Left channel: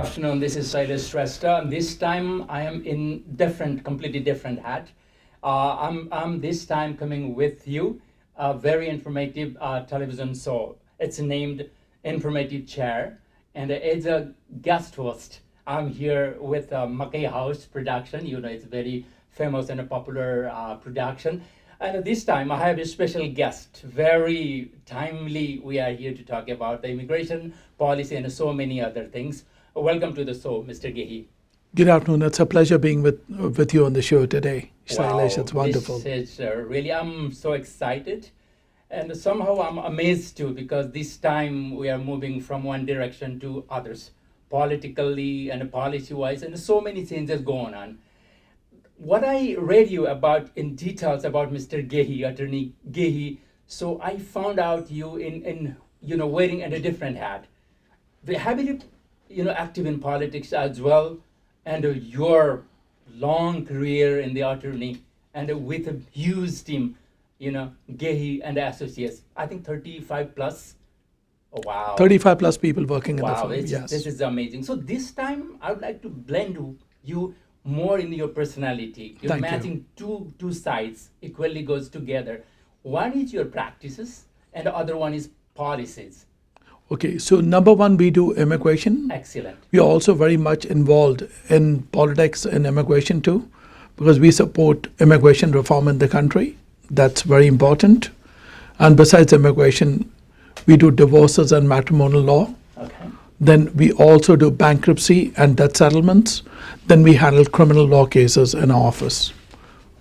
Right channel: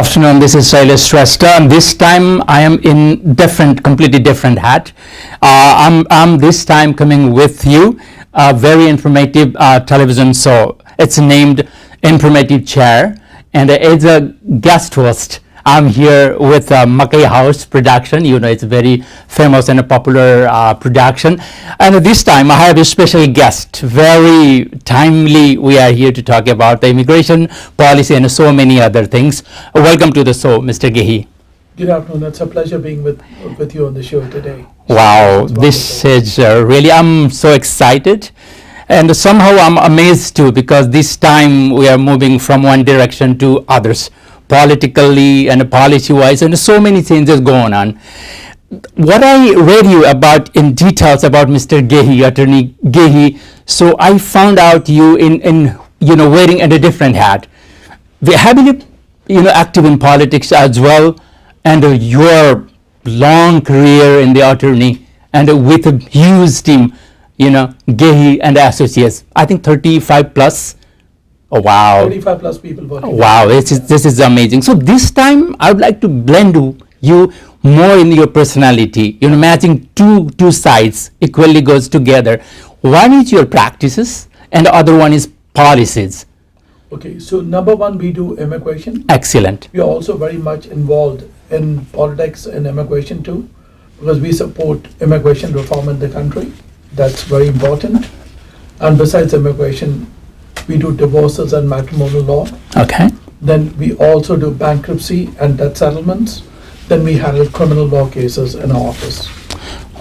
afternoon. This is Shailesh Shrestha, and this time I am in completely different hat. I'm this time coming with you a very informative television show. It's named Informative Chair, and as a guest host, I'm here with Mackay House production. You know, it's very famous and a popular production. And this time I have a special guest. Very timely, we are here to talk about the immigration policy and so many other things. Welcome to the show, Mr. Gehi. Good afternoon. It's a pleasure being with you on the show today. Wow, this is really, I'm so excited. And somehow I'm amazed too, because this time we are moving from one direction to others, politically and policy-wise, and so many changes going on. What I read you about in details about Mr. Gehi, Attorney Gehi, so I found out you in wearing a different hat. Have you active in politics as well, and your long career in the attorney, and with a huge team, Gehi and Associates, I think 35 plus. Oh, wow. 35 plus people working. Wow, this is amazing. So this time I would like to blend you more in your personality. Matching two sides equally goes together. One is your practices and the other one is policies. Okay, so number one, we do immigration. Excellent. We are also very much involved in politics and immigration too, because we support immigration reform in the country. That's very important. And besides immigration, we do divorces and matrimonial law. Okay. Then we also do bankruptcy and debt settlements. Then we handle criminal law cases in our office.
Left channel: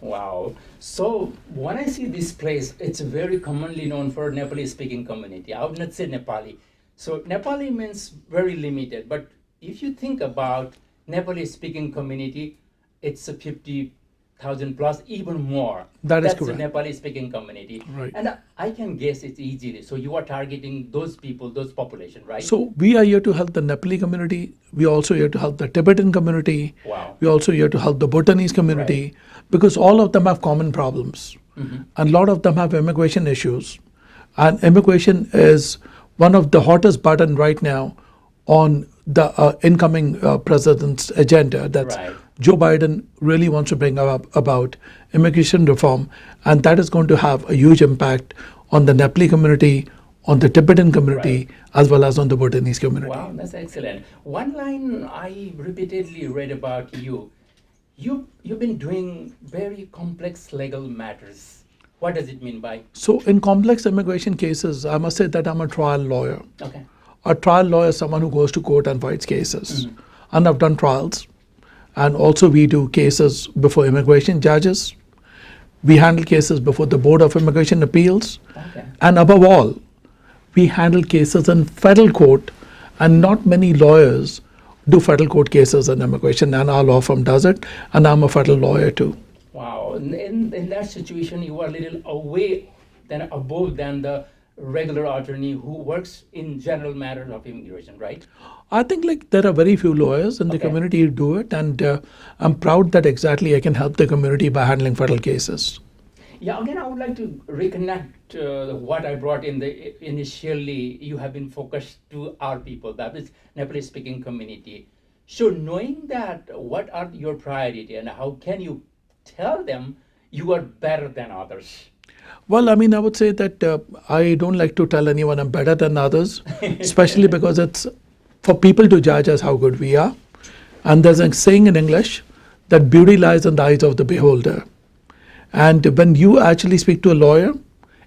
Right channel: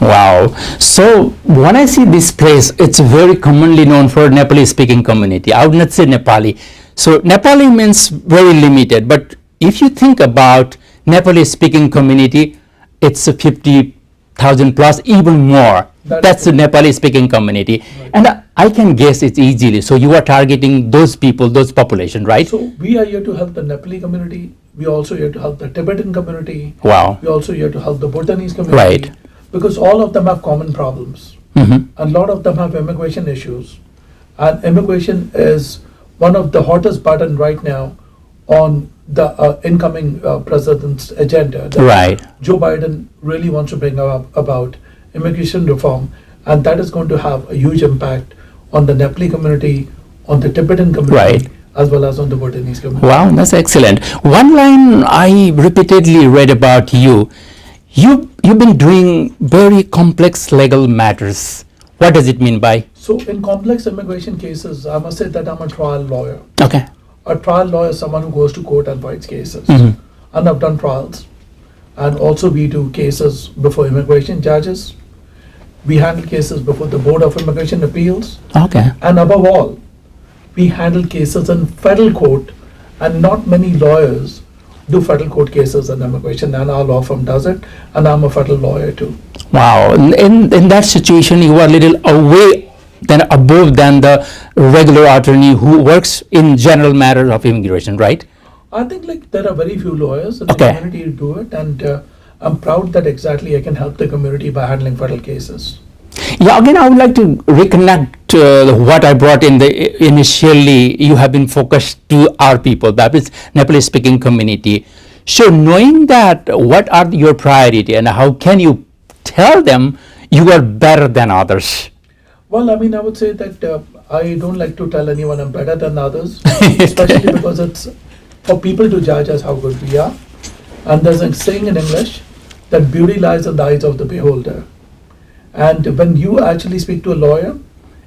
Wow. So when I see this place, it's very commonly known for Nepali speaking community. I would not say Nepali. So Nepali means very limited. But if you think about Nepali speaking community, it's a 50,000 plus, even more. That's the Nepali speaking community. Right. And I can guess it's easily. So you are targeting those people, those population, right? So we are here to help the Nepali community. We are also here to help the Tibetan community. Wow. We are also here to help the Bhutanese community. Right. Because all of them have common problems. Mm-hmm. And a lot of them have immigration issues. And immigration is one of the hottest button right now on the incoming president's agenda. Right. Joe Biden really wants to bring up about immigration reform, and that is going to have a huge impact on the Nepali community, on the Tibetan community, right, as well as on the Bhutanese community. Wow, that's excellent. One line I repeatedly read about you. You've been doing very complex legal matters. What does it mean by? So in complex immigration cases, I must say that I'm a trial lawyer. Okay. A trial lawyer is someone who goes to court and fights cases. Mm-hmm. And I've done trials. And also we do cases before immigration judges. We handle cases before the Board of Immigration Appeals. Okay. And above all, we handle cases in federal court, and not many lawyers do federal court cases in immigration, and our law firm does it, and I'm a federal lawyer too. Wow. In that situation, you are a little above than the regular attorney who works in general matters of immigration, right? I think there are very few lawyers in the community who do it, and I'm proud that exactly I can help the community by handling federal cases. Yeah, again, I would like to reconnect what I brought in initially. You have been focused to our people, that is Nepali speaking community. So knowing that, what are your priority and how can you tell them you are better than others? Well, I would say that I don't like to tell anyone I'm better than others, especially because it's for people to judge us how good we are. And there's a saying in English that beauty lies in the eyes of the beholder. And when you actually speak to a lawyer,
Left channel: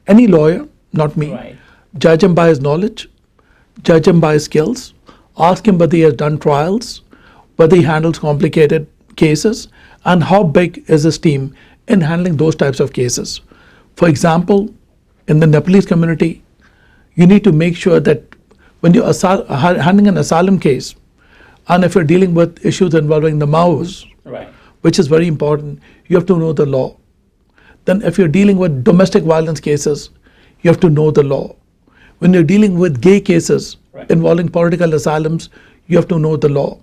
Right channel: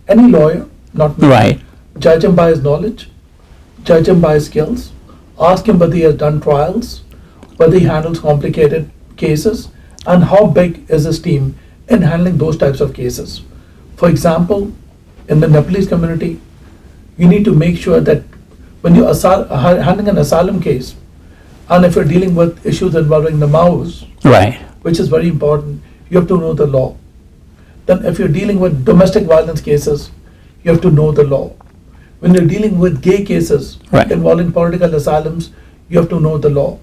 any lawyer, not me, right, judge him by his knowledge, judge him by his skills, ask him whether he has done trials, whether he handles complicated cases, and how big is his team in handling those types of cases. For example, in the Nepalese community, you need to make sure that when you're handling an asylum case, and if you're dealing with issues involving the Maos, right, which is very important, you have to know the law. Then if you're dealing with domestic violence cases, you have to know the law. When you're dealing with gay cases involving political asylums, you have to know the law.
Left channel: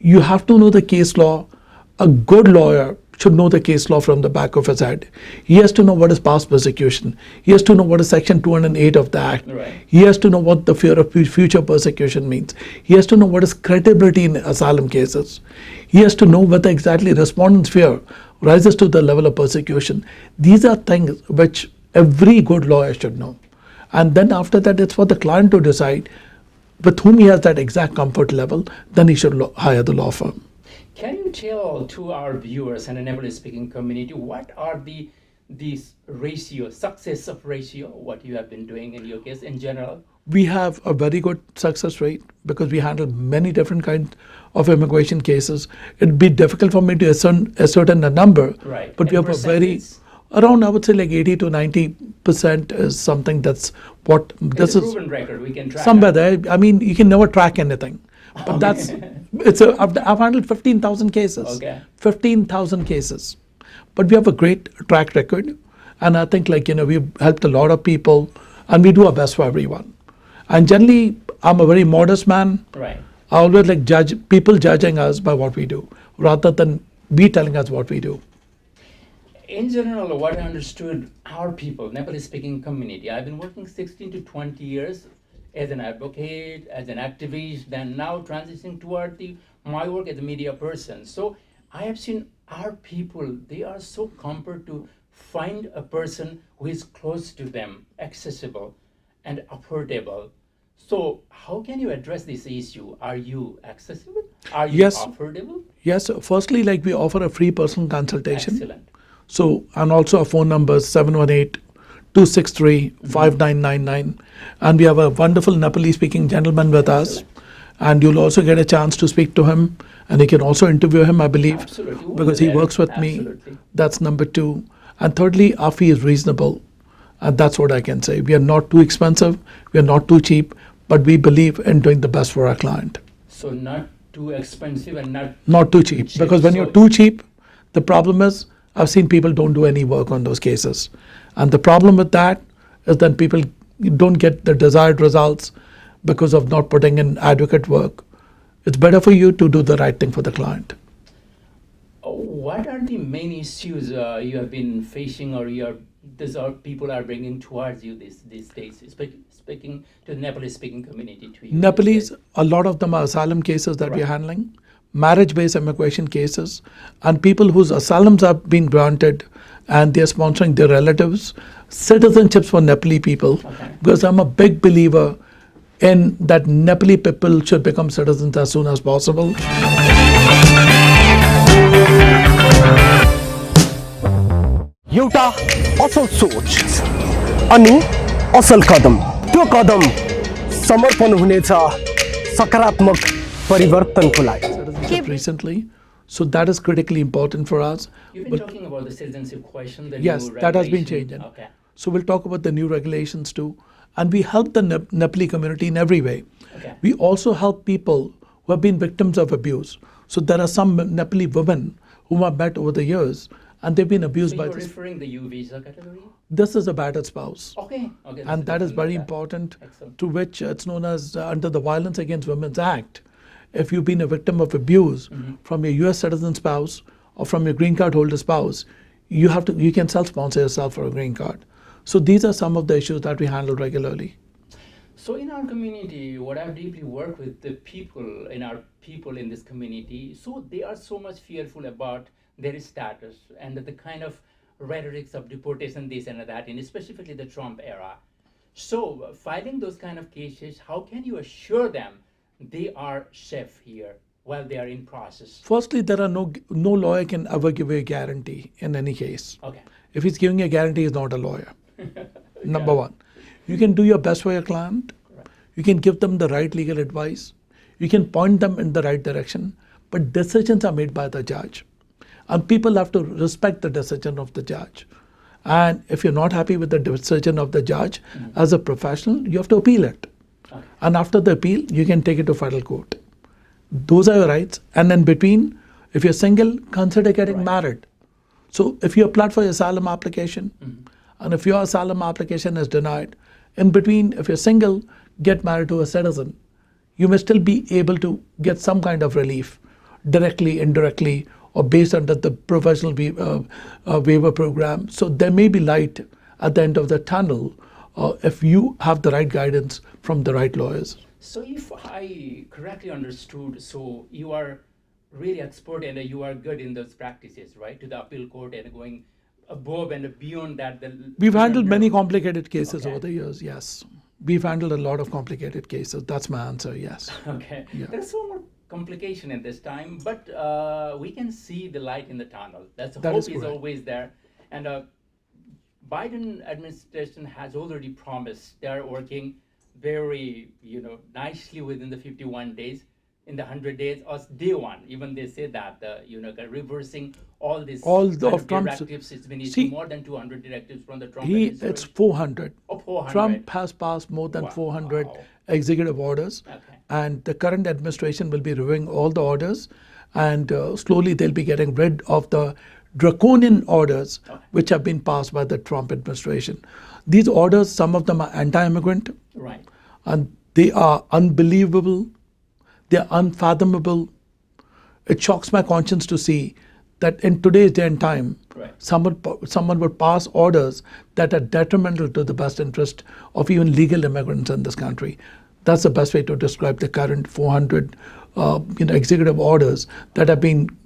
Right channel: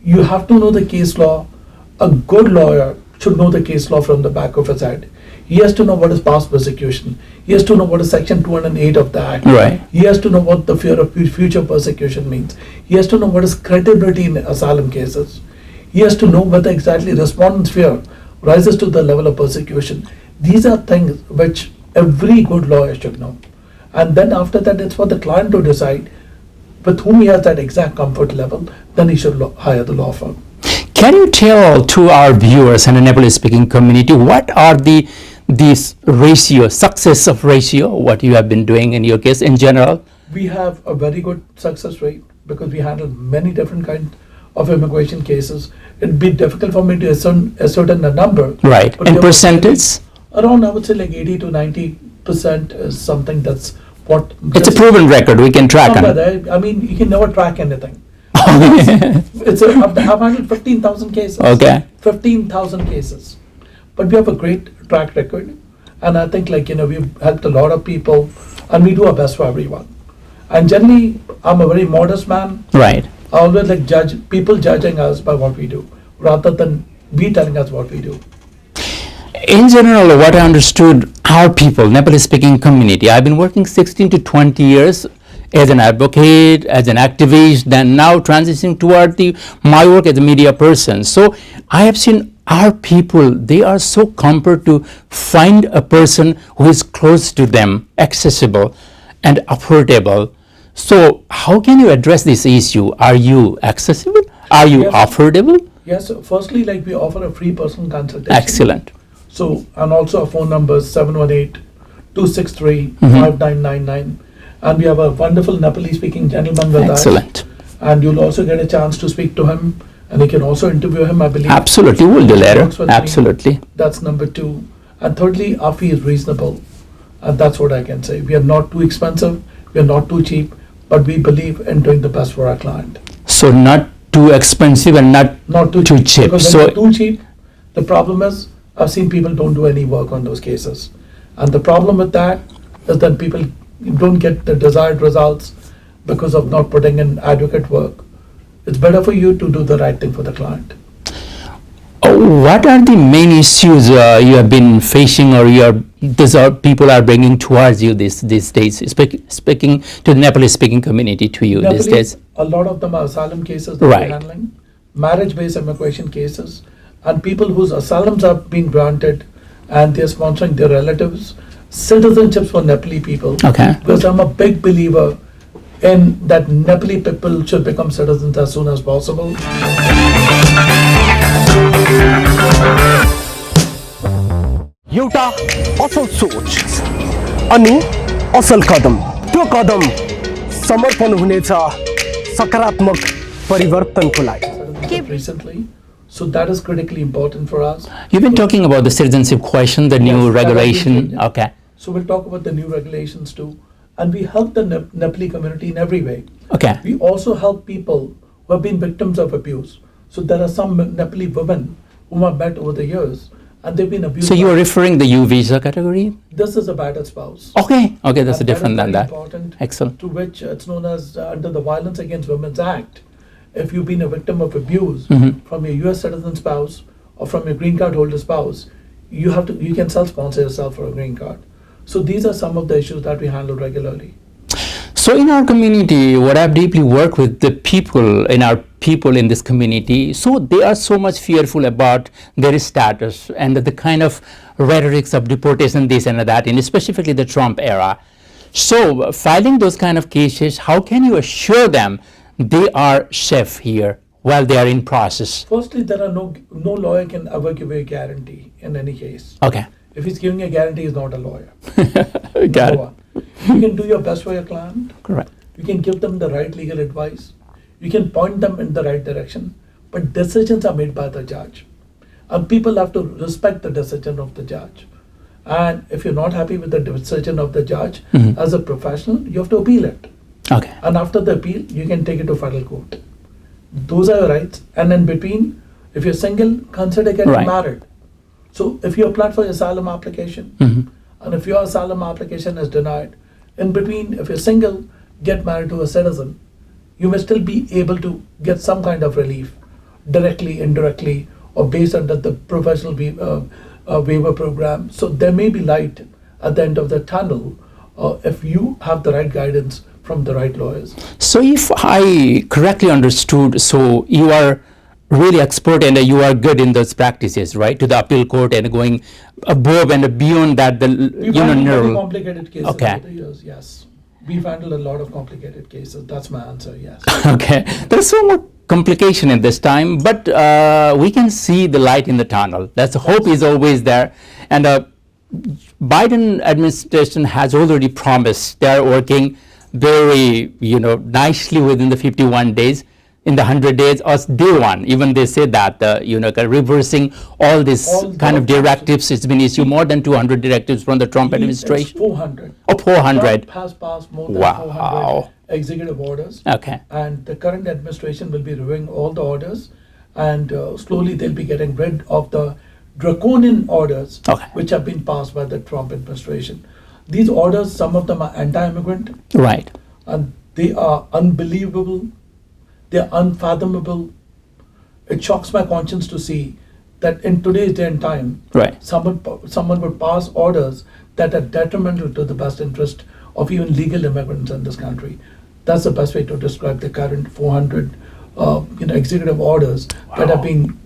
You have to know the case law. A good lawyer should know the case law from the back of his head. He has to know what is past persecution. He has to know what is Section 208 of the Act. Right. He has to know what the fear of future persecution means. He has to know what is credibility in asylum cases. He has to know whether exactly respondent's fear rises to the level of persecution. These are things which every good lawyer should know. And then after that, it's for the client to decide with whom he has that exact comfort level, then he should hire the law firm. Can you tell to our viewers and the Nepali-speaking community what are these ratio, success of ratio, what you have been doing in your case in general? We have a very good success rate because we handle many different kinds of immigration cases. It'd be difficult for me to ascertain a number. Right. But And percentage? Around, I would say, like 80 to 90% is something that's what. It's a proven record. We can track it. I mean, you can never track anything. I've handled 15,000 cases. Okay. 15,000 cases. But we have a great track record. And I think, we've helped a lot of people, and we do our best for everyone. And generally, I'm a very modest man. Right. I always like people judging us by what we do, rather than we telling us what we do. In general, what I understood, our people, Nepali-speaking community, I've been working 16 to 20 years as an advocate, as an activist, then now transitioning toward my work as a media person. So I have seen our people, they are so comfortable to find a person who is close to them, accessible and affordable. So how can you address this issue? Are you accessible? Are you affordable? Yes, firstly, we offer a free personal consultation. Excellent. So, and also our phone number is 718-263-5999. And we have a wonderful Nepali-speaking gentleman with us. Excellent. And you'll also get a chance to speak to him, and you can also interview him, I believe. Absolutely, we'll do later. Absolutely. Me. That's number 2. And thirdly, our fee is reasonable. And that's what I can say. We are not too expensive, we are not too cheap, but we believe in doing the best for our client. So not too expensive and not too cheap. Because when you're too cheap, the problem is, I've seen people don't do any work on those cases. And the problem with that is that people don't get the desired results because of not putting in adequate work. It's better for you to do the right thing for the client. What are the main issues you have been facing, or people are bringing towards you these days, speaking to the Nepali-speaking community to you these days? A lot of them are asylum cases that we're handling, marriage-based immigration cases, and people whose asylums have been granted and they're sponsoring their relatives, citizenships for Nepali people. Okay. Because I'm a big believer in that Nepali people should become citizens as soon as possible. एउटा असल सोच अनि असल कदम, त्यो कदम समर्पण हुनेछ सकारात्मक परिवर्तनको लागि. Recently, so that is critically important for us. You've been talking about the citizenship question, the new regulation. Okay. So we'll talk about the new regulations too, and we help the Nepali community in every way. Okay. We also help people who have been victims of abuse. So there are some Nepali women whom I've met over the years, and they've been abused. So you're referring the U visa category? This is a battered spouse. Okay, that's and different than that. Important. Excellent. To which it's known as under the Violence Against Women's Act. If you've been a victim of abuse from your U.S. citizen spouse or from your green card holder spouse, you can self-sponsor yourself for a green card. So these are some of the issues that we handle regularly. So in our community, what I've deeply worked with the people in this community, so they are so much fearful about their status and the kind of rhetorics of deportation, this and that, and specifically the Trump era. So filing those kind of cases, how can you assure them they are safe here while they are in process? Firstly, there are no lawyer can ever give you a guarantee in any case. Okay. If he's giving you a guarantee, he's not a lawyer. Number one. You can do your best for your client. Correct. You can give them the right legal advice. You can point them in the right direction. But decisions are made by the judge. And people have to respect the decision of the judge. And if you're not happy with the decision of the judge, as a professional, you have to appeal it. Okay. And after the appeal, you can take it to federal court. Those are your rights. And in between, if you're single, consider getting married. So if you applied for your asylum application, and if your asylum application is denied, in between, if you're single, get married to a citizen, you may still be able to get some kind of relief, directly, indirectly, or based under the professional waiver program. So there may be light at the end of the tunnel if you have the right guidance from the right lawyers. So if I correctly understood, so you are really expert and you are good in those practices, right? To the appeal court and going above and beyond that. We've handled many complicated cases Okay. over the years, yes. We've handled a lot of complicated cases. That's my answer, yes. Okay. There's so much complication in this time, but we can see the light in the tunnel. That's hope is always there. And Biden administration has already promised they are working very, nicely within the 51 days. In the 100 days or day one, even they say that, reversing all these kind of directives. It's been issued more than 200 directives from the Trump administration. It's 400. Oh, 400. Trump has passed more than 400 executive orders. Okay. And the current administration will be reviewing all the orders, and slowly they'll be getting rid of the draconian orders which have been passed by the Trump administration. These orders, some of them are anti-immigrant. Right. And they are unbelievable. They're unfathomable. It shocks my conscience to see that in today's day and time, someone would pass orders that are detrimental to the best interest of even legal immigrants in this country. That's the best way to describe the current 400 executive orders that have been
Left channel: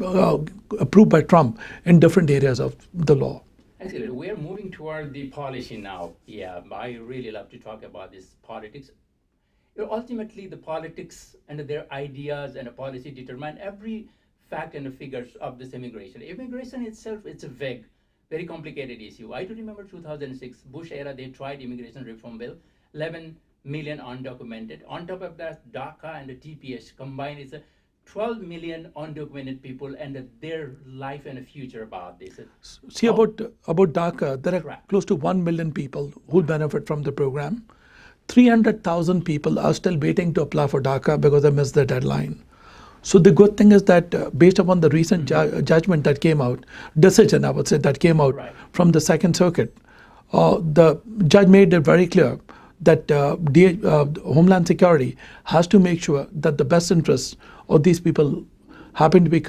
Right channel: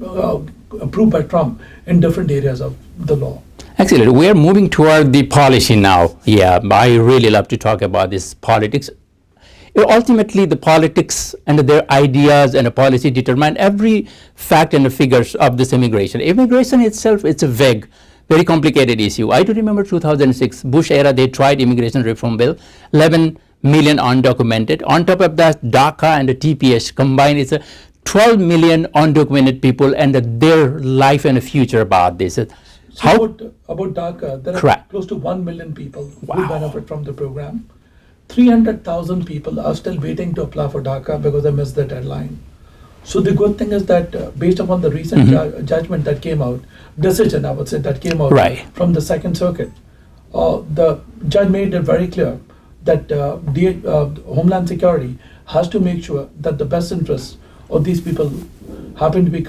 approved by Trump in different areas of the law. Excellent. We are moving toward the policy now. Yeah, I really love to talk about this politics. Ultimately, the politics and their ideas and a policy determine every fact and the figures of this immigration. Immigration itself, it's a vague, very complicated issue. I do remember 2006, Bush era, they tried immigration reform bill, 11 million undocumented. On top of that, DACA and the TPS combined, it's a 12 million undocumented people and their life and future about this. See, about DACA, there are close to 1 million people who benefit from the program. 300,000 people are still waiting to apply for DACA because they missed the deadline. So the good thing is that based upon the recent judgment that came out, decision I would say that came out from the Second Circuit, the judge made it very clear that Homeland Security has to make sure that the best interests of these people happen to be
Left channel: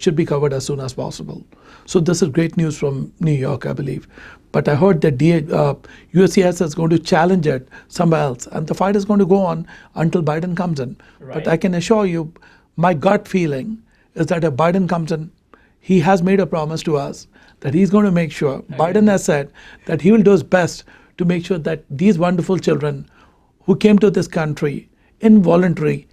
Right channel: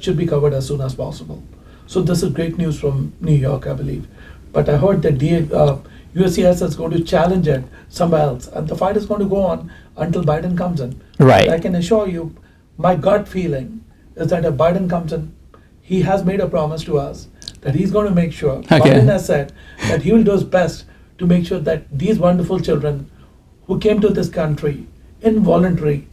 should be covered as soon as possible. So this is great news from New York, I believe. But I heard that USCIS is going to challenge it somewhere else, and the fight is going to go on until Biden comes in. Right. But I can assure you, my gut feeling is that if Biden comes in, he has made a promise to us that he's going to make sure, Biden has said that he will do his best to make sure that these wonderful children who came to this country involuntarily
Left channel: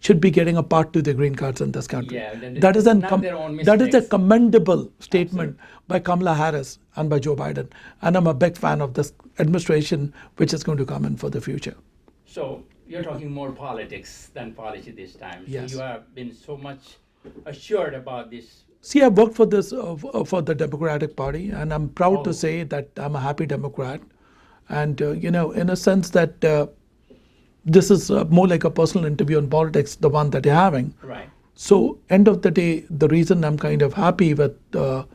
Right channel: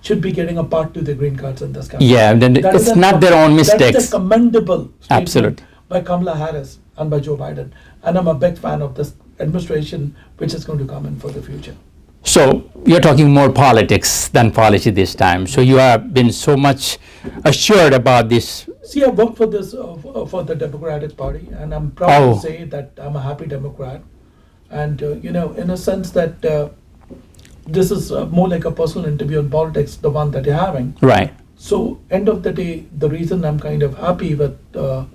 should be getting a part to their green cards in this country. Yeah, then it's not their own mistakes. That is a commendable statement by Kamala Harris and by Joe Biden. And I'm a big fan of this administration, which is going to come in for the future. So you're talking more politics than policy this time. So you have been so much assured about this. See, I work for this for the Democratic Party, and I'm proud to say that I'm a happy Democrat. And in a sense that this is more like a personal interview in politics, the one that you're having. Right. So end of the day, the reason I'm kind of happy with the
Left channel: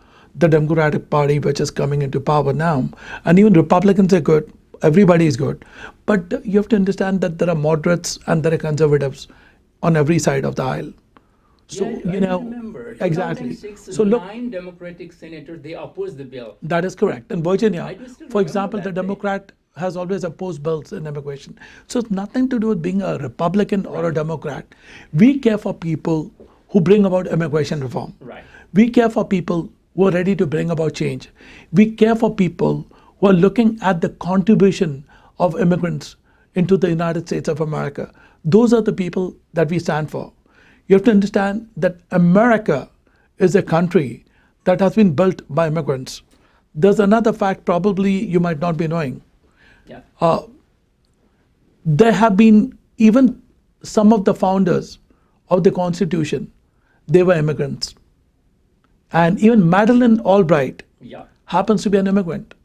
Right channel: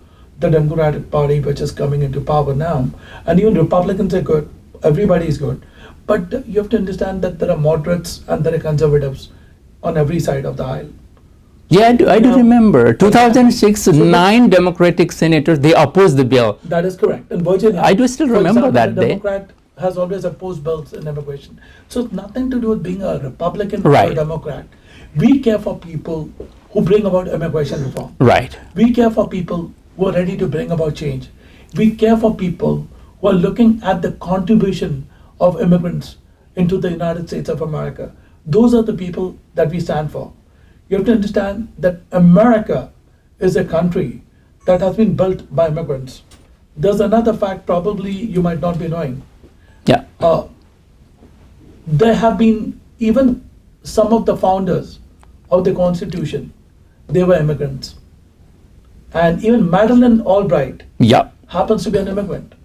Democratic Party, which is coming into power now, and even Republicans are good, everybody is good, but you have to understand that there are moderates and there are conservatives on every side of the aisle. Yeah, I do remember 2006, 9 Democratic senators, they opposed the bill. That is correct. In Virginia, I do still remember that day. A Democrat has always opposed bills in immigration. So it's nothing to do with being a Republican or a Democrat. We care for people who bring about immigration reform. Right. We care for people who are ready to bring about change. We care for people who are looking at the contribution of immigrants into the United States of America. Those are the people that we stand for. You have to understand that America is a country that has been built by immigrants. There's another fact probably you might not be knowing. Yeah. There have been even some of the founders of the Constitution, they were immigrants. And even Madeleine Albright happens to be an immigrant.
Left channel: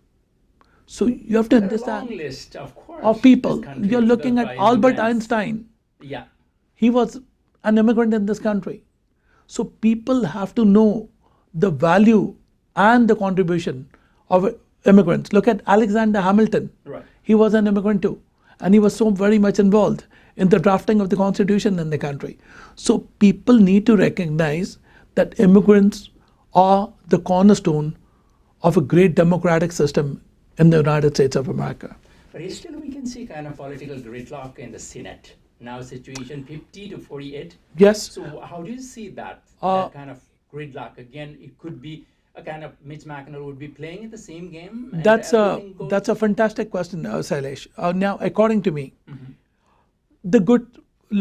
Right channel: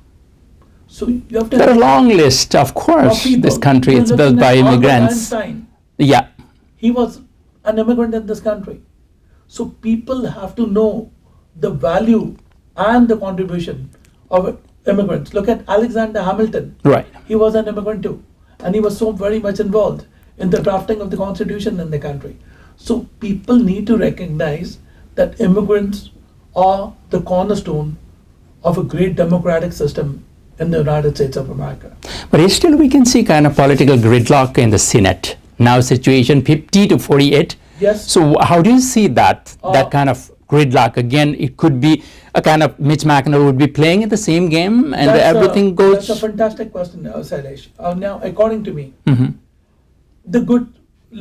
So you have to have a long list, of course. This country is built by immigrants. Albert Einstein, he was an immigrant in this country. So people have to know the value and the contribution of immigrants. Look at Alexander Hamilton. Right. He was an immigrant too. And he was so very much involved in the drafting of the Constitution in the country. So people need to recognize that immigrants are the cornerstone of a great democratic system in the United States of America. But still we can see kind of political gridlock in the Senate. Now situation 50 to 48. Yes. So how do you see that kind of gridlock? Again, it could be a kind of Mitch McConnell would be playing in the same game and everything goes... That's a fantastic question, Shailesh. Now, according to me, Mm-hmm.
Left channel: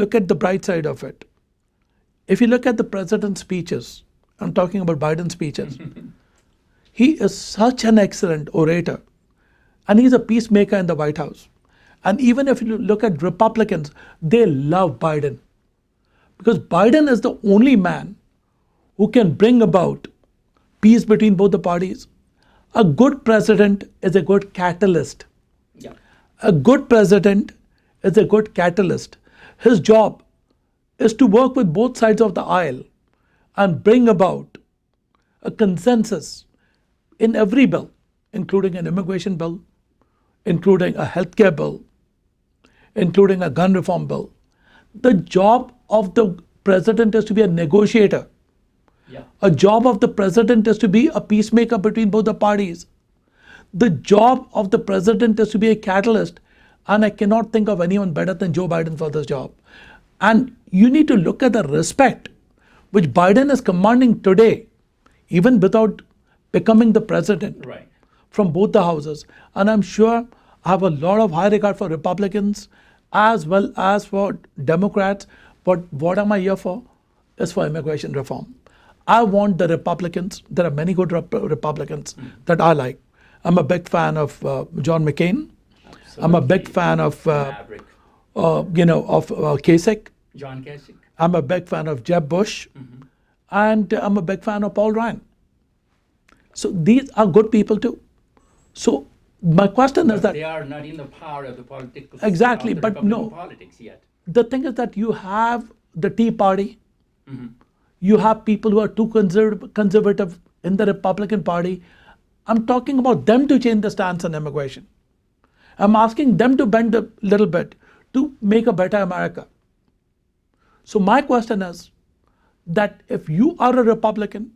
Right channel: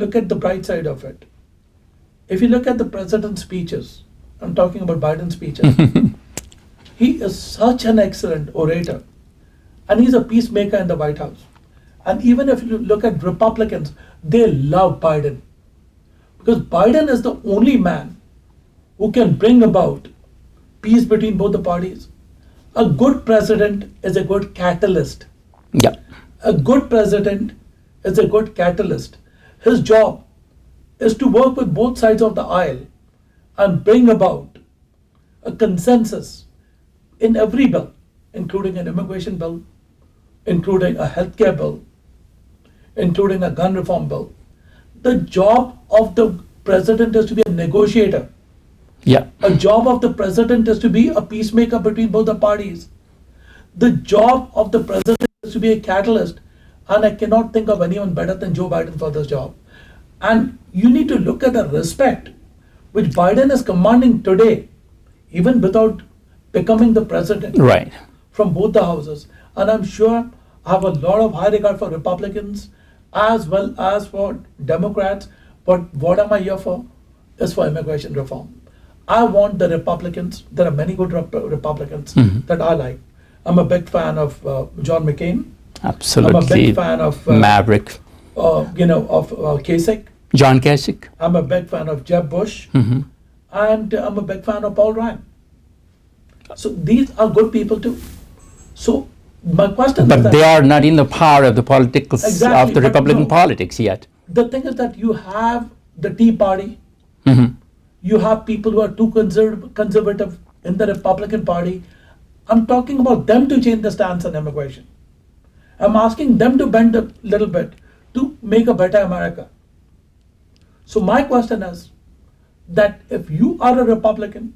look at the bright side of it. If you look at the president's speeches, I'm talking about Biden's speeches, he is such an excellent orator. And he's a peacemaker in the White House. And even if you look at Republicans, they love Biden. Because Biden is the only man who can bring about peace between both the parties. A good president is a good catalyst. Yeah. A good president is a good catalyst. His job is to work with both sides of the aisle and bring about a consensus in every bill, including an immigration bill, including a healthcare bill, including a gun reform bill. The job of the president is to be a negotiator. Yeah. A job of the president is to be a peacemaker between both the parties. The job of the president is to be a catalyst. And I cannot think of anyone better than Joe Biden for this job. And you need to look at the respect which Biden is commanding today, even without becoming the president. Right. From both the houses. And I'm sure I have a lot of high regard for Republicans as well as for Democrats. But what am I here for? Is for immigration reform. I want the Republicans, there are many good Republicans that I like. I'm a big fan of John McCain. Absolutely. I'm a big fan of Maverick. Kasich. John Kasich. I'm a big fan of Jeb Bush. Mm-hmm. And I'm a big fan of Paul Ryan. So these are good people too. So my question is But that they are not in the power of the politics Exactly, of the but Republican no. politics yet. the thing is that you have the Tea Party, Mm-hmm. you have people who are too conservative in the Republican Party. I'm talking about them to change the stance on immigration. I'm asking them to bend a little bit to make a better America. So my question is that if you are a Republican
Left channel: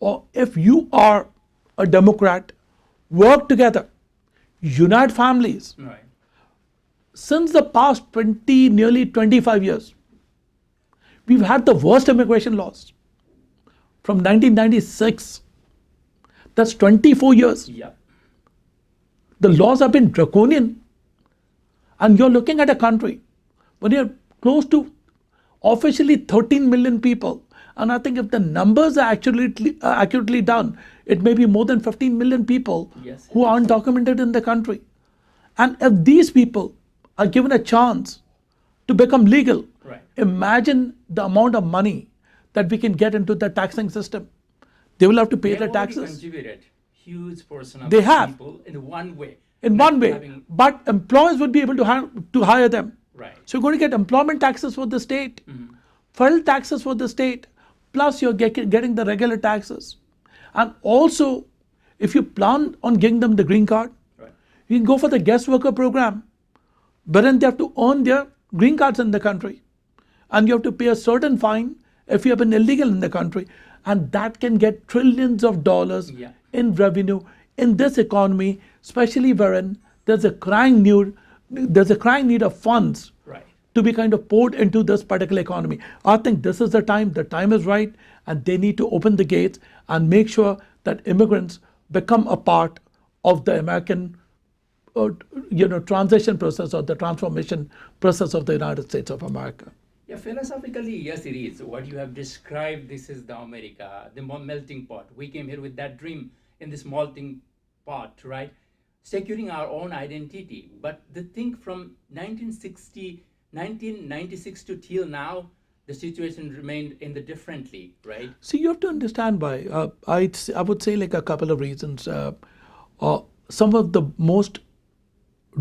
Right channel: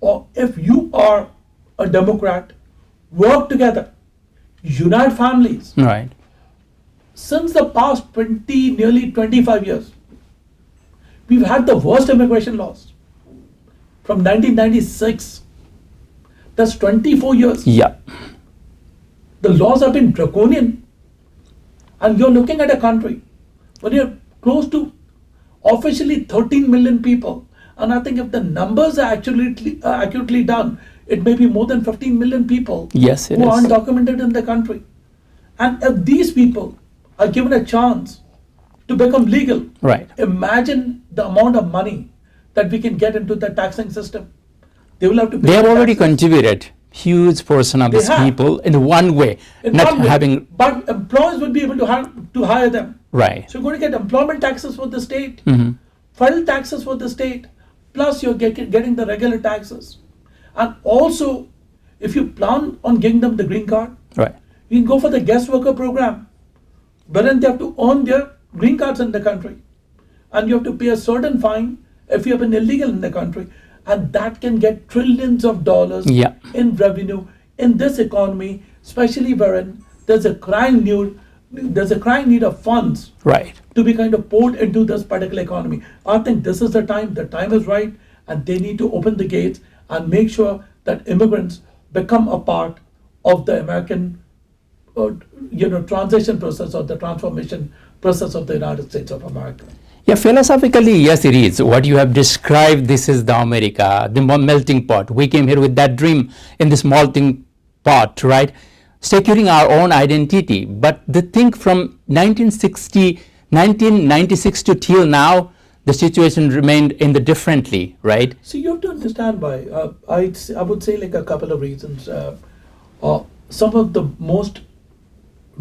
or if you are a Democrat, work together, unite families. Right. Since the past nearly 25 years, we've had the worst immigration laws from 1996. That's 24 years. Yeah. The laws have been draconian. And you're looking at a country where you're close to officially 13 million people. And I think if the numbers are accurately done, it may be more than 15 million people Yes, it who are is. undocumented in the country. And if these people are given a chance to become legal, Right. imagine the amount of money that we can get into the taxing system. They will have to pay They have the already taxes. contributed huge portion of They these have. people in one way, In not one way, having but employers will be able to hire them. right. So you're going to get employment taxes for the state, Mm-hmm. federal taxes for the state, plus you're getting the regular taxes. And also, if you plan on giving them the green card, Right. you can go for the guest worker program, wherein they have to earn their green cards in the country. And you have to pay a certain fine if you have been illegal in the country. And that can get trillions of dollars Yeah. in revenue in this economy, especially wherein there's a crying need of funds Right. to be kind of poured into this particular economy. I think this is the time is right, and they need to open the gates and make sure that immigrants become a part of the American transition process or the transformation process of the United States of America. Yeah, philosophically, yes, it is. What you have described, this is the America, the melting pot. We came here with that dream in this melting pot, right? Securing our own identity. But the thing from 1996 to till now, the situation remained in the differently, right? See, you have to understand why. I would say like a couple of reasons. Some of the most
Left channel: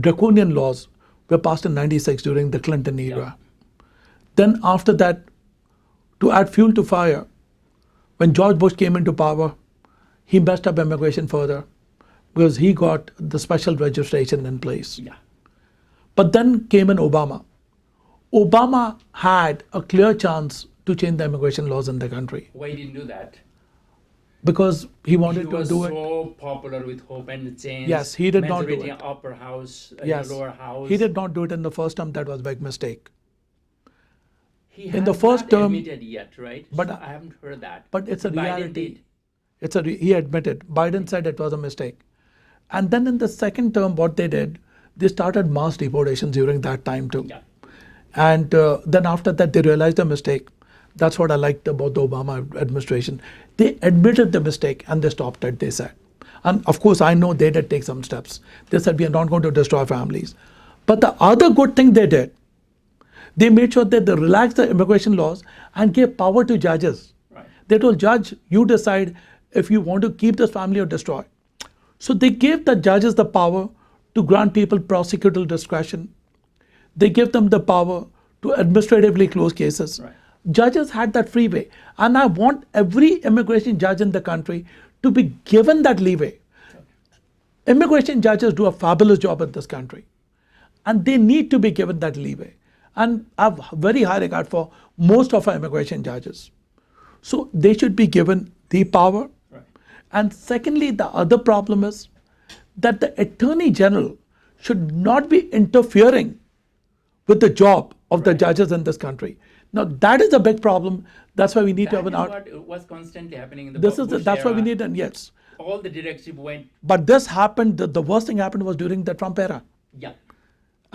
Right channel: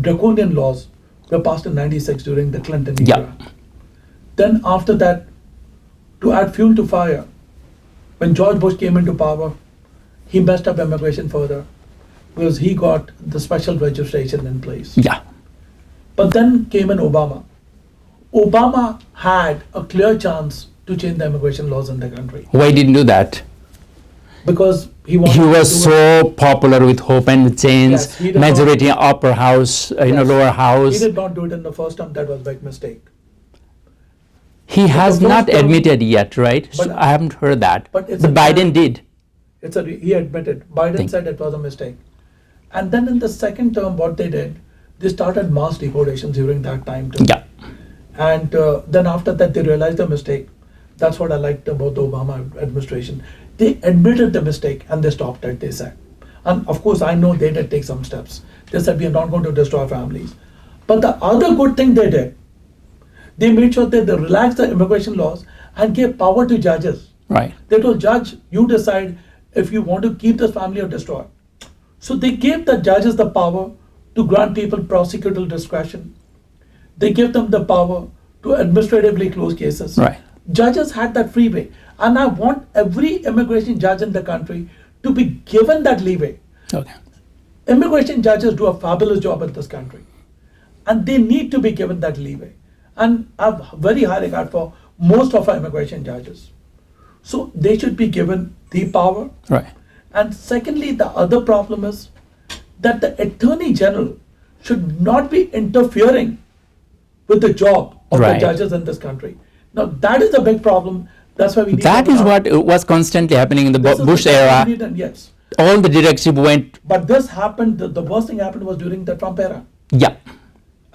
draconian laws were passed in 96 during the Clinton era. Yeah. Then after that, to add fuel to fire, when George Bush came into power, he messed up immigration further because he got the special registration in place. Yeah. But then came in Obama. Obama had a clear chance to change the immigration laws in the country. Why didn't do that? Because he wanted He to was do it. so popular with hope and change, Yes, he did majority in upper house, Yes. lower He house. did not do it in the first term. That was a big mistake. He has the not first term- admitted yet, right? But- I haven't heard that. but it's a Biden reality. did. He admitted. Biden Think- said it was a mistake. And then in the second term, what they did, they started mass deportations during that time too. Yeah. And then after that, they realized the mistake. That's what I liked about the Obama administration. They admitted the mistake and they stopped it, they said. And of course, I know they did take some steps. They said, we are not going to destroy families. But the other good thing they did, they made sure that they relaxed the immigration laws and gave power to judges. Right. They told judge, you decide if you want to keep this family or destroy. So they gave the judges the power to grant people prosecutorial discretion. They give them the power to administratively close cases. Right. Judges had that freeway. And I want every immigration judge in the country to be given that leeway. Okay. Immigration judges do a fabulous job in this country. And they need to be given that leeway. And I have very high regard for most of our immigration judges. So they should be given the power. Right. And secondly, the other problem is that the Attorney General should not be interfering with the job of the Right. judges in this country. Now, that is a big problem. That's why we need That to is what was constantly happening in the This is Bush that's what era. we need, and yes. All the directive went, But this happened, the worst thing happened was during the Trump era. yeah.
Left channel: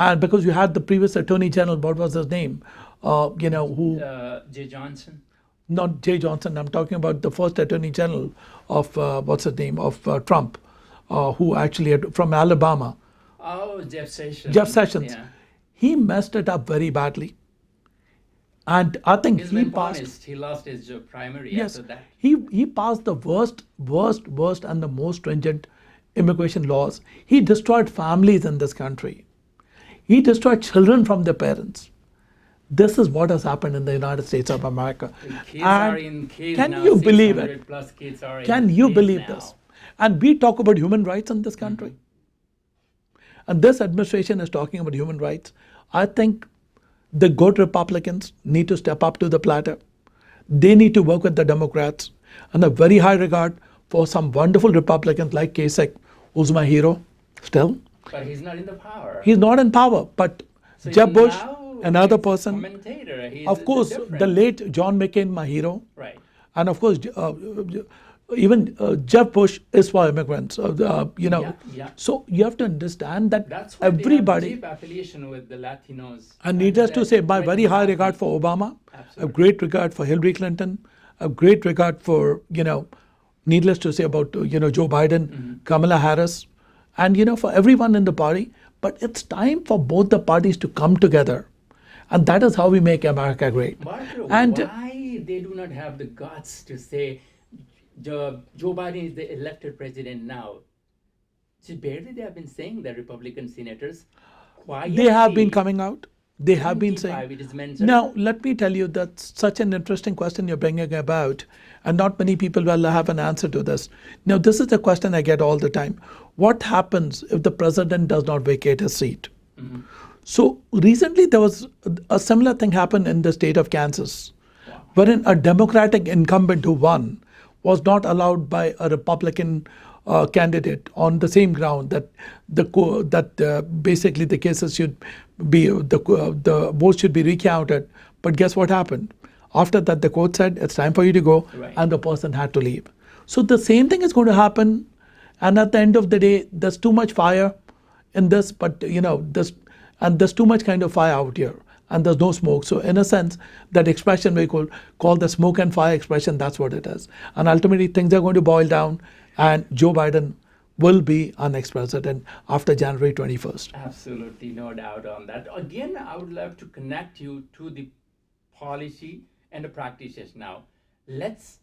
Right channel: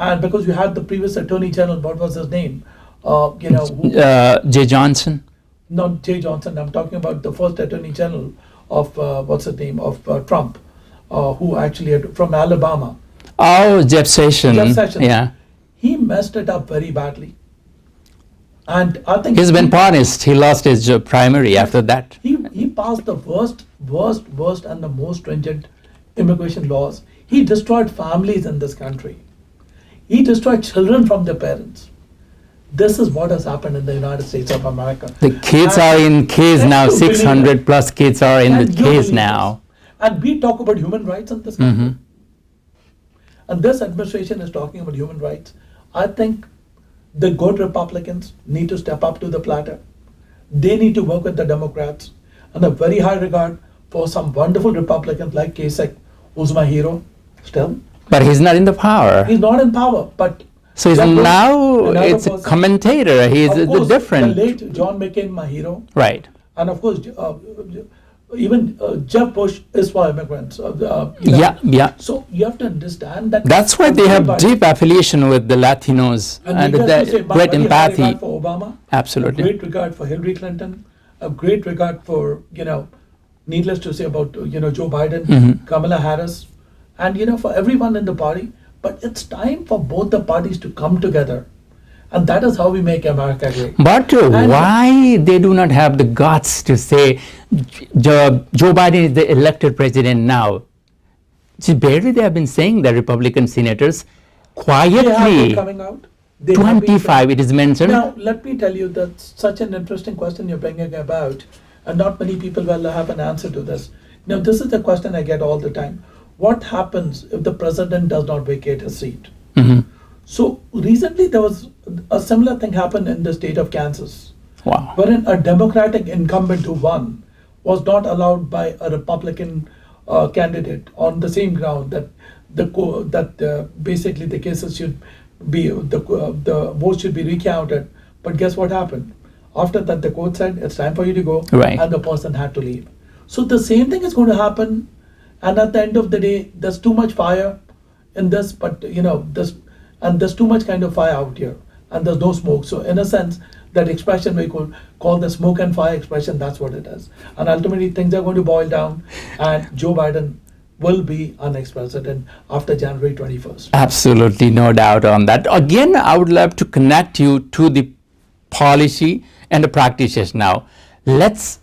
And because you had the previous Attorney General, what was his name? Who, Jay Johnson. not Jay Johnson, I'm talking about the first Attorney General of, what's his name, of Trump, who actually, from Alabama. Oh, Jeff Sessions. Jeff Sessions. Yeah. He messed it up very badly. And I think He's been punished. He lost his primary after that. he passed the worst and the most stringent immigration laws. He destroyed families in this country. He destroyed children from their parents. This is what has happened in the United States of America. The kids And are in case can now. you believe 600 it? plus kids are in Can the you case believe now. this? And we talk about human rights in this country. And this administration is talking about human rights. I think the good Republicans need to step up to the platter. They need to work with the Democrats. And a very high regard for some wonderful Republicans like Kasich, who's my hero still. But he's not in the power. He's not in power, but So he's Jeb Bush, now another it's a person. commentator. He's Of course, different. the late John McCain, my hero. Right. And of course, even Jeb Bush is for immigrants. Yeah. So you have to understand that. That's why they have everybody- deep affiliation with the Latinos And needless to say, my great very high regard empathy. for Obama. Absolutely. A great regard for Hillary Clinton. A great regard for, needless to say about, Joe Biden, Mm-hmm. Kamala Harris, and, for everyone in the party. But it's time for both the parties to come together. And that is how we make America great. But And- why they do not have the guts to say Joe Biden is the elected president now? See, barely they have been saying that Republican senators They have been quietly. coming out. They have been 25 it is mentioned. Now, let me tell you, that's such an interesting question you're bringing about, and not many people will have an answer to this. Now, this is the question I get all the time. What happens if the president does not vacate his seat? Mm-hmm. So, recently there was a similar thing happened in the state of Kansas, Wow. wherein a Democratic incumbent who won was not allowed by a Republican candidate on the same ground that basically the cases should be the votes should be recounted. But guess what happened? After that, the court said it's time for you to go, Right. and the person had to leave. So the same thing is going to happen, and at the end of the day, there's too much fire in this, but there's too much kind of fire out here, and there's no smoke. So in a sense, that expression we call the smoke and fire expression, that's what it is. And ultimately, things are going to boil down, and Joe Biden will be our next president after January 21st. Absolutely, no doubt on that. Again, I would love to connect you to the policy and the practices now. Let's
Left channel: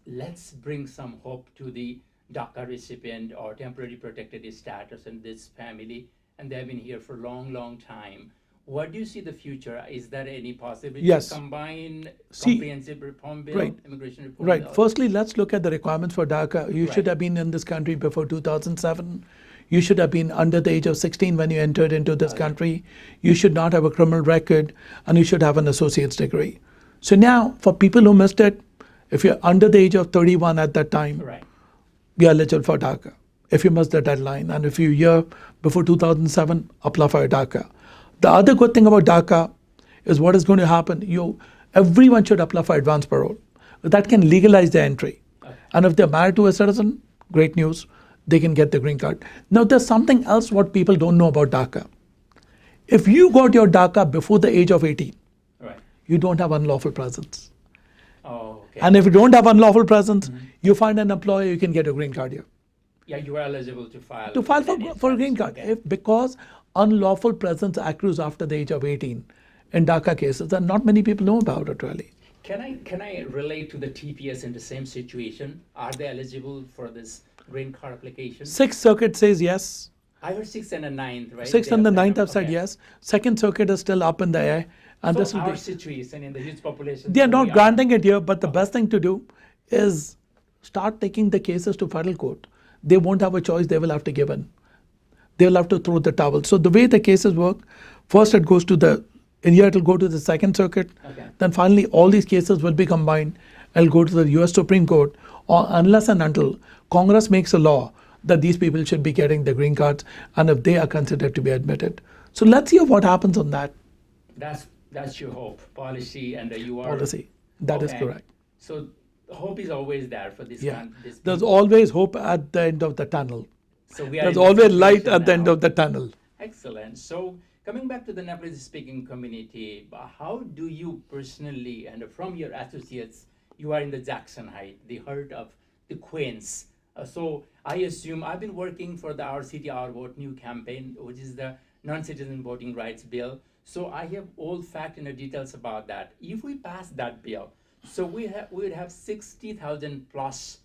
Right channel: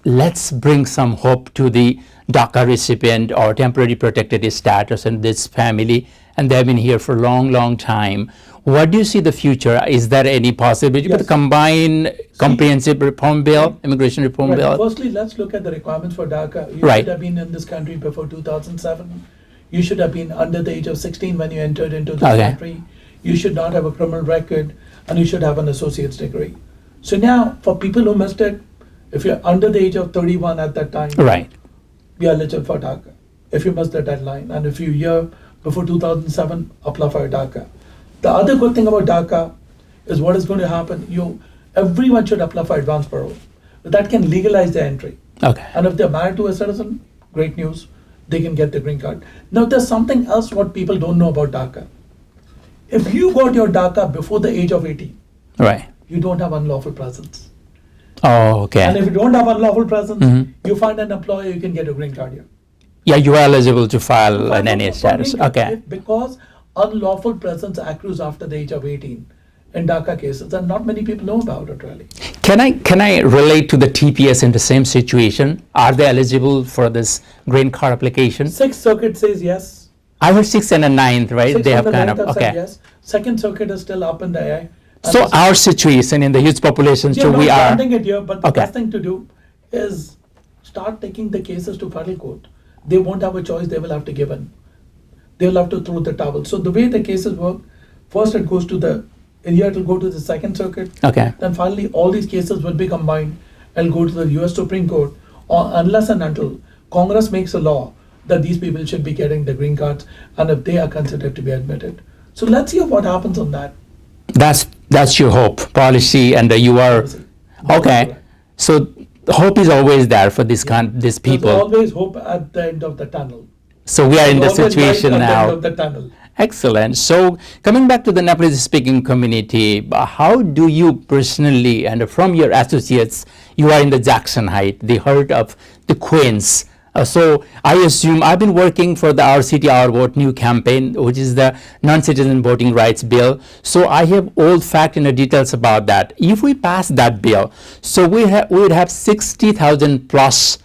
bring some hope to the DACA recipient or temporary protected status and this family, and they've been here for a long time. What do you see the future? Is there any possibility to Yes. combine comprehensive reform bill, immigration reform Right. bill? Firstly, let's look at the requirements for DACA. You Right. should have been in this country before 2007. You should have been under the age of 16 when you entered into this Okay. country. You should not have a criminal record, and you should have an associate's degree. So now, for people who missed it, if you're under the age of 31 at that time, Right. you're eligible for DACA. If you missed the deadline, and if you're here before 2007, apply for DACA. The other good thing about DACA is what is going to happen. Everyone should apply for advance parole. That can legalize their entry. Okay. And if they're married to a citizen, great news, they can get the green card. Now, there's something else what people don't know about DACA. If you got your DACA before the age of 18, Right. you don't have unlawful presence. Oh, okay. And if you don't have unlawful presence, you find an employer, you can get a green card here. Yeah, you are eligible to file To file an NA for status. green card. Okay. Because unlawful presence accrues after the age of 18 in DACA cases, and not many people know about it really. Can I relate to the TPS in the same situation? Are they eligible for this green card application? Sixth Circuit says yes. I heard 6th and a 9th, right? Sixth They and have the kind ninth of have said yes. Second Circuit is still up in the air. And So this is- our situation in the huge population, They're so not we are. granting it here, but the Okay. best thing to do is start taking the cases to federal court. They won't have a choice, they will have to give in. They will have to throw the towel. So the way the cases work, first it goes to in here it will go to the Second Circuit. Okay. Then finally all these cases will be combined. It'll go to the US Supreme Court, or unless and until Congress makes a law that these people should be getting the green cards, and if they are considered to be admitted. So let's see what happens on that. That's your hope, policy, and you are. Policy. That is Okay. correct. So hope is always there for these There's people. always hope at the end of the tunnel. So we are in the Always light situation at the end now. of the tunnel. Excellent. So coming back to the Nepalese speaking community, how do you personally and from your associates, you are in the Jackson Heights, the heart of the Queens. So I assume I've been working for the Our City, Our Vote new campaign, which is the non-citizen voting rights bill. So I have all fact and the details about that. If we pass that bill, so we would have 60,000 plus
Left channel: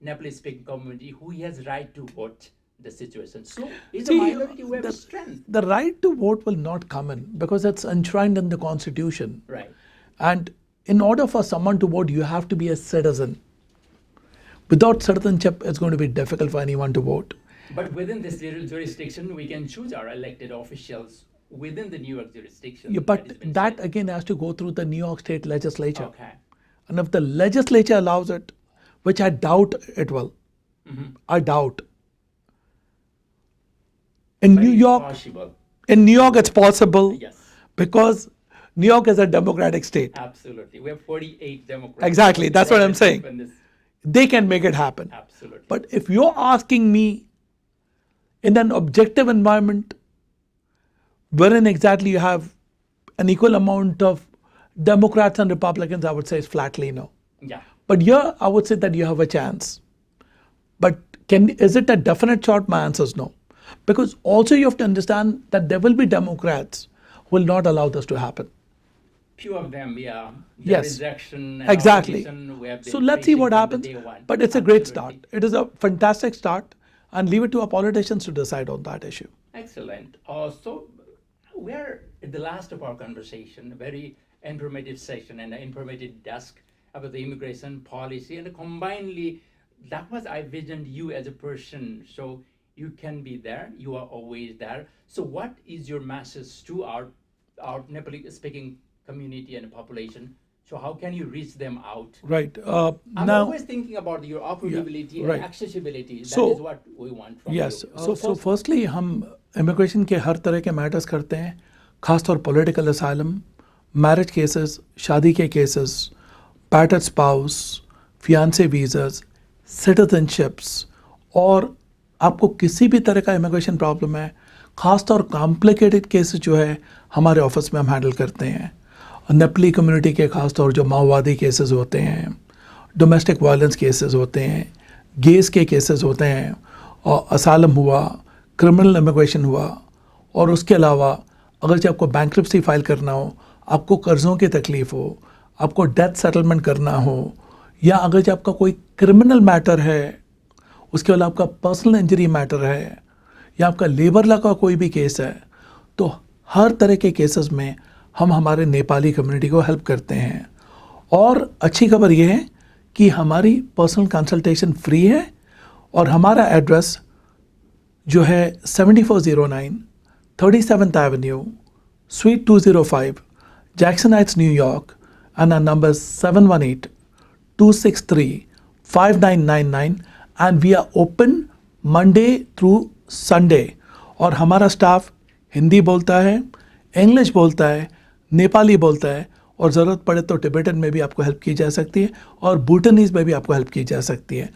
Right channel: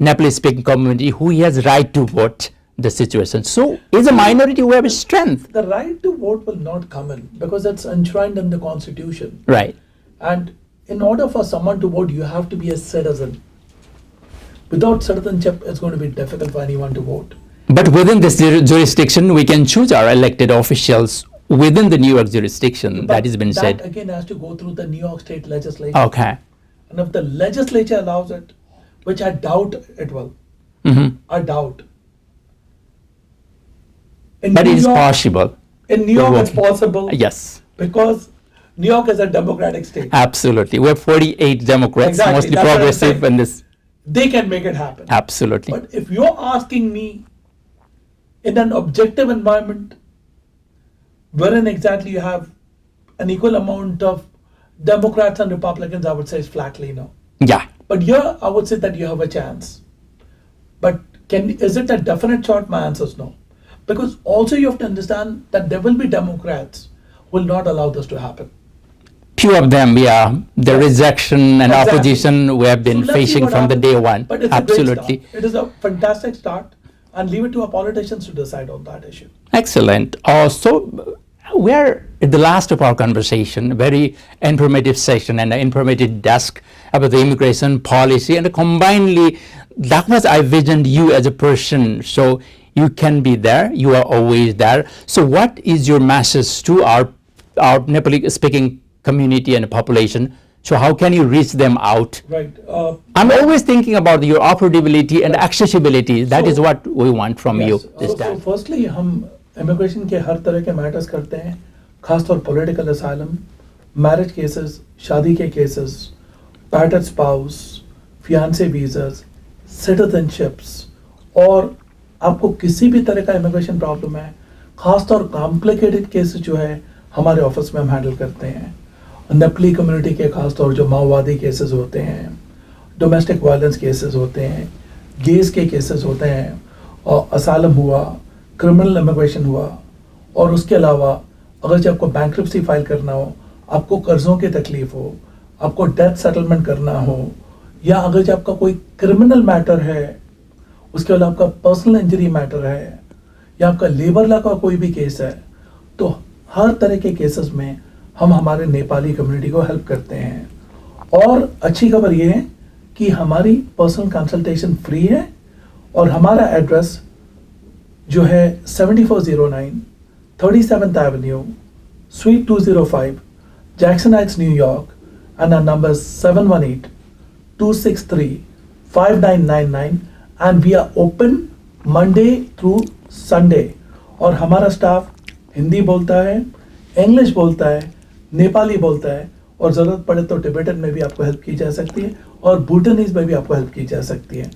Nepalese speaking community who has right to vote the situation. So is a minority who have a strength. The right to vote will not come in because it's enshrined in the Constitution. Right. And in order for someone to vote, you have to be a citizen. Without citizenship, it's going to be difficult for anyone to vote. But within this jurisdiction, we can choose our elected officials within the New York jurisdiction. But that has been said. That again has to go through the New York State legislature. Okay. And if the legislature allows it, which I doubt it will, I doubt. In But New it is York- possible. In New York, it's possible. Yes. Because New York is a democratic state. Absolutely. We have 48 Democrats, Exactly, mostly that's what I'm progressive, saying. and this. They can make it happen. Absolutely. But if you're asking me in an objective environment, wherein exactly you have an equal amount of Democrats and Republicans, I would say is flatly no. Yeah. But here, I would say that you have a chance. But is it a definite shot? My answer is no. Because also you have to understand that there will be Democrats who will not allow this to happen. Few of them, yeah. The Yes. rejection and Exactly. opposition we have been So let's see facing what from the happens. day one. But it's a Absolutely. great start. It is a fantastic start, and leave it to our politicians to decide on that issue. Excellent. So we are at the last of our conversation, a very informative session and an informative desk about the immigration policy, and combinedly, that was I visioned you as a person. So you can be there. You are always there. So what is your message to our Nepali speaking community and population? So how can you reach them out? Right. I'm always thinking about your affordability and Right. accessibility. That So- is what we want from you. Yes. So firstly, हम immigration के हर तरह के matters करते हैं, खासतौर political asylum, marriage cases, शादी के cases, battered spouse, fiancé visas, citizenships, और आपको किसी भी तरह का immigration problem है, खासतौर complicated cases जो है हमारे ऑफिस में हम हैंडल करते हैं. नेपली कम्युनिटी के खासतौर जो माओवादी केसेस होते हैं, डोमेस्टिक वायलेंस केसेस होते हैं, गेस के केसेस होते हैं, और असालम हुआ, क्रिमिनल इमिग्रेशन हुआ, और उसके अलावा अगर जब आपको बैंक्रप्सी फाइल करना हो, आपको कर्ज़ों की तकलीफ हो, आपको डेथ सेटलमेंट करना हो, या अगर जब आपका कोई क्रिमिनल मैटर है, उसके अलावा आपका पर्सनल इंजरी मैटर है, या आपका लेबर लॉ का कोई भी केस है, तो हर तरह के केसेस में हम हमारे नेपाली कम्युनिटी को हेल्प करते हैं. और अच्छी खबर ये है कि हमारी पर्सनल कंसल्टेशन फ्री है, और हमारा एड्रेस जो है 7409 37th Avenue sweet 205 Jackson Heights New York, and our number is 718-263-5999 and we are open Monday through Sunday. और हमारा स्टाफ हिंदी बोलता है, इंग्लिश बोलता है, नेपाली बोलता है और ज़रूरत पड़े तो टिबेटन में भी आपको हेल्प की जा सकती है और भूटानीज में भी आपको हेल्प की जा सकती है.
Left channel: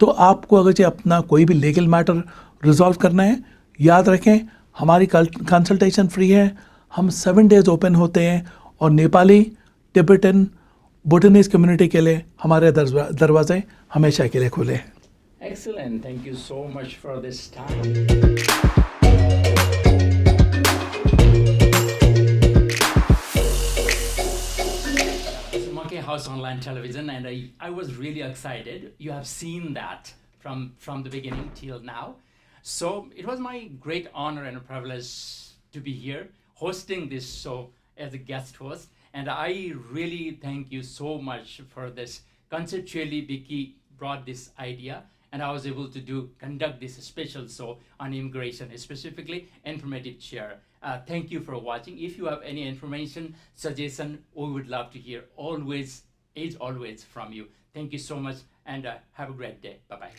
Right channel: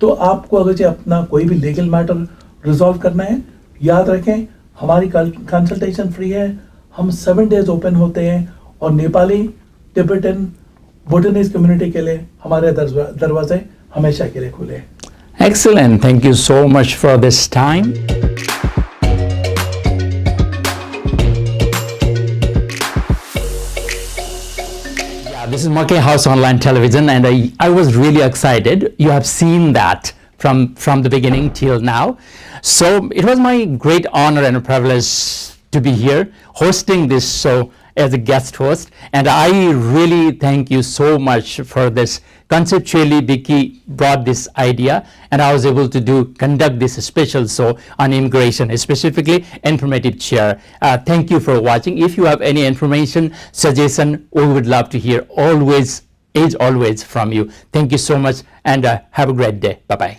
तो आपको अगर जो अपना कोई भी लीगल मैटर रिजॉल्व करना है, याद रखें हमारी कंसल्टेशन फ्री है. हम 7 days ओपन होते हैं और नेपाली, टिबेटन, भूटानीज कम्युनिटी के लिए हमारे दरवाजे हमेशा के लिए खुले हैं. Excellent. Thank you so much for this time. This is Market House Online Television, and I was really excited. You have seen that from the beginning till now. So it was my great honor and a privilege to be here hosting this show as a guest host, and I really thank you so much for this. Conceptually, Bicky brought this idea, and I was able to conduct this special show on immigration, specifically informative chair. Thank you for watching. If you have any information, suggestion, we would love to hear always from you. Thank you so much, and have a great day. Bye-bye.